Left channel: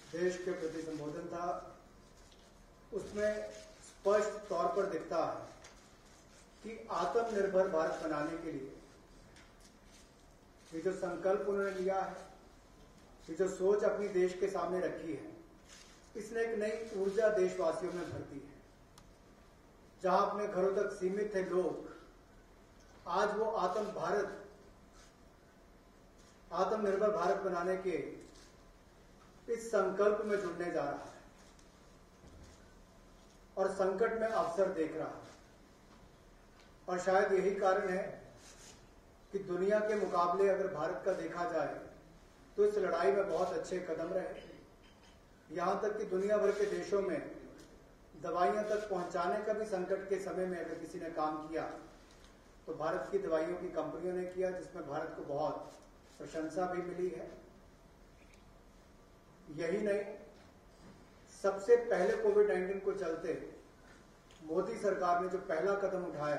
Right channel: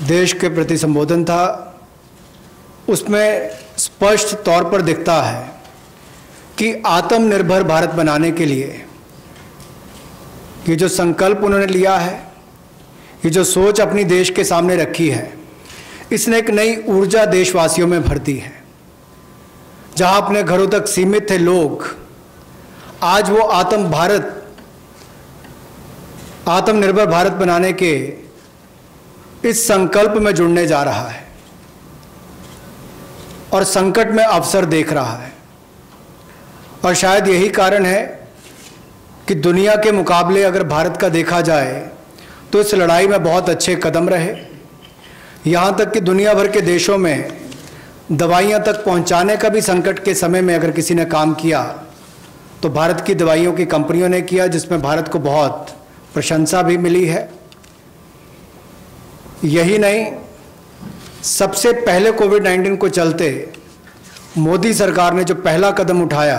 देश के प्रति संबोधन था, उसमें स्पष्ट तौर पर दिखता है कि आत्मनिर्भर भारत बनाने के लिए ये जो संकल्प उन्होंने लिया है, ये जो सोच अपनी देश के सामने रखी है, इसने एक नई ऊर्जा देशवासियों में भर दी है। जहां अपने घरों तक सीमित थे लोग, आज वो आत्मनिर्भर भारत बनाने के इस संकल्प में जुड़ने जा रहा है और संकट में अवसर देख रहा है। और शायद यही कारण है कि दुनिया के मुकाबले अगर भारत का देखा जाए तो इस लड़ाई में बहुत अच्छे कदम रहे। यहाँ तक कि दुनिया भर के देशों में दवाइयाँ तक पहुँचाने का भी संकट के समय में अगर किसी ने काम किया तो भारत की दवाइयों की कंपनियों ने किया, जिसमें भारत को बहुत प्रशंसा भी मिली है। यही नहीं, सबसे पहले कोविड-19 को चलते मोदी सरकार ने जो पहला कदम उठाया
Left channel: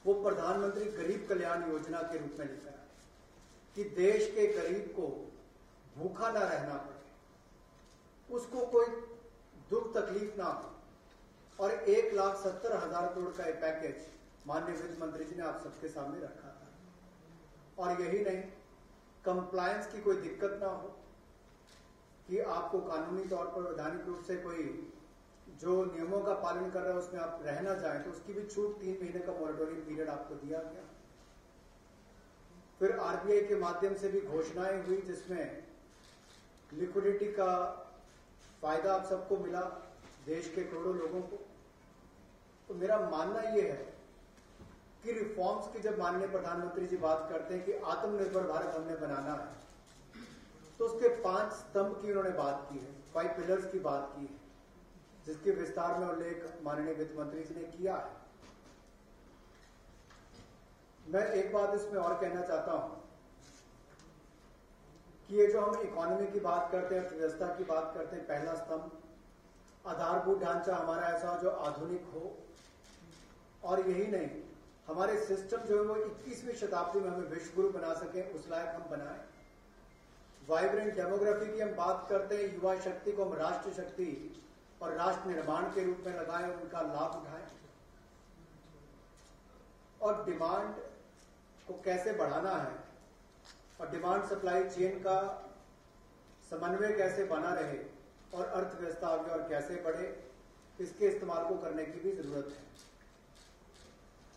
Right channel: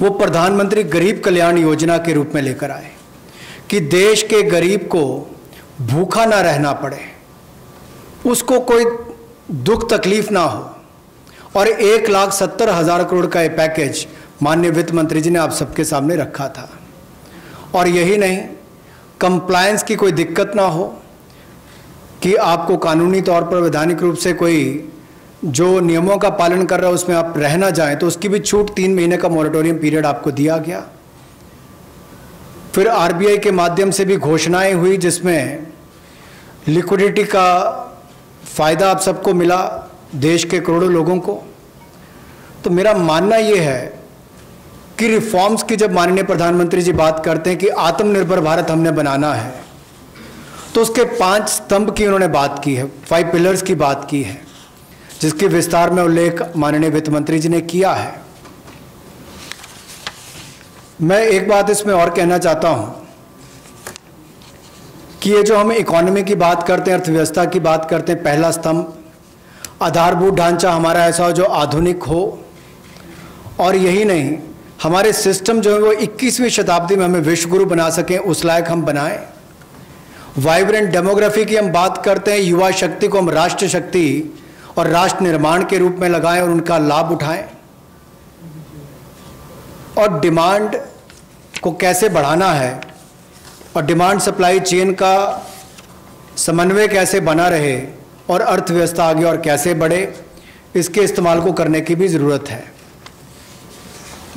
वो प्रधानमंत्री गरीब कल्याण योजना के रूप में लेकर आए कि देश के गरीब को भूखा ना रहना पड़े, उसको कोई दुख तकलीफ ना हो। और 1,70,000 करोड़ का ये पैकेज माननीय वित्त मंत्री जी ने आप सबके सामने रखा था। और यही नहीं, कंप्लायंस की कोई दिक्कत ना हो कि आपको कानूनी तौर पर वैधानिक रूप से कोई जो नियमों का पालन कर रहा है उसमें आप रह ना जाएं, तो उसकी भी छूट 3 महीने का मॉरेटोरियम पीरियड आपको दिया गया। फिर आरबीआई के माध्यम से भी घोषणाएं हुई जिसमें लिक्विडिटी का फ़ायदा आप सबको मिला, देश के करोड़ों लोगों को। तो मेरा मानना ये है कि रिफॉर्म्स की जब माननीय प्रधानमंत्री जी बात करते हैं कि आत्मनिर्भर भारत हमने बनाना है, तो उसके 5 स्तंभ की उन्होंने बात की है, 5 पिलर्स की बात की है, जिसके विस्तार में उल्लेख माननीय वित्त मंत्री जी ने किया है। मैं एक बात इसमें और कहना चाहता हूं कि ये जो हम इकोनॉमी की बात करते हैं, अर्थव्यवस्था की बात करते हैं, पहला स्तंभ आधारभूत ढांचा हमारा ऐसा हो जो आधुनिक हो। और यही नहीं, हमारे सिस्टम जो है वो 21वीं शताब्दी में हमें विश्व गुरु बना सकें, उस लायक हम बनाएं। वाइब्रेंट डेमोग्राफी की हम बात करते हैं, युवा शक्ति को हम राष्ट्र शक्ति और राष्ट्र निर्माण के रूप में लगाएं और उनका लाभ उठाएं। और डिमांड को कैसे बढ़ाना है और डिमांड सप्लाई चेन का समन्वय कैसे बना रहे और अर्थव्यवस्था आगे और कैसे बढ़े, इसके इस्तेमाल को करने की भी ज़रूरत है।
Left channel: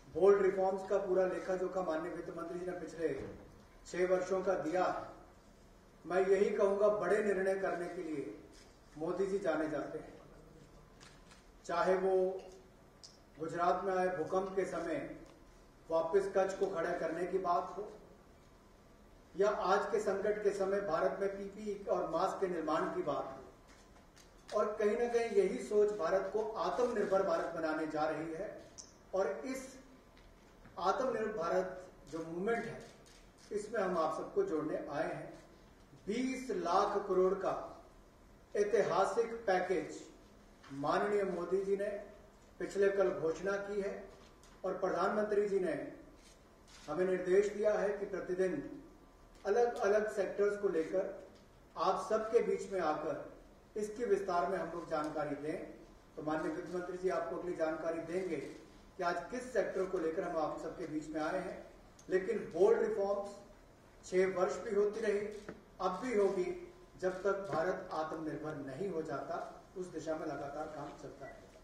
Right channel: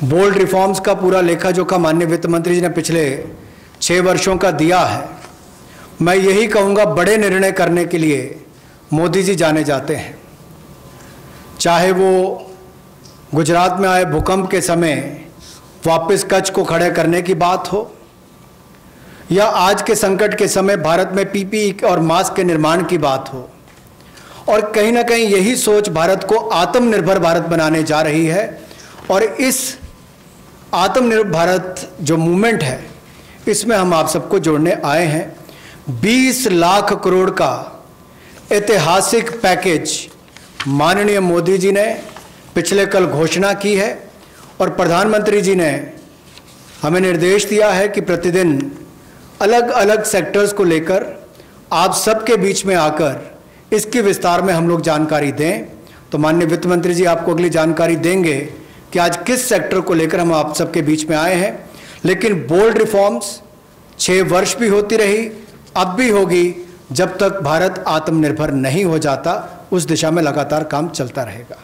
बोल्ड रिफॉर्म्स का पूरा लेखा जोखा माननीय वित्त मंत्री जी ने पिछले 6 वर्षों का दिया है। मैं यही कहूँगा, बड़े निर्णय करने के लिए मोदी जी जाने जाते हैं। चाहे वो गुजरात में आए भूकंप के समय वापस कच्छ को खड़े करने की बात हो, या आज के संकट के समय भारत में पीपीई और मास्क के निर्माण की बात हो। और कहीं ना कहीं यही सोच भारत को आत्मनिर्भर भारत बनाने जा रही है। और इस आत्मनिर्भर भारत जो मूवमेंट है, इसमें हम आप सबको जोड़ने आए हैं। 20 लाख करोड़ का ऐतिहासिक पैकेज माननीय मोदी जी ने पिछले कल घोषणा की है और प्रधानमंत्री जी ने हमें निर्देश दिया है कि प्रतिदिन अलग अलग सेक्टर्स को लेकर आप सबके बीच में आकर इसके विस्तार में हम लोग जानकारी दें। तो माननीय वित्त मंत्री जी आपको अगली जानकारी देंगे कि आज किस सेक्टर को लेकर हम आप सबके बीच में आए हैं। लेकिन बोल्ड रिफॉर्म्स 6 वर्ष भी होती रही, अब भी होगी, जब तक भारत आत्मनिर्भर नहीं हो जाता। उस दिशा में लगातार काम चलता रहेगा।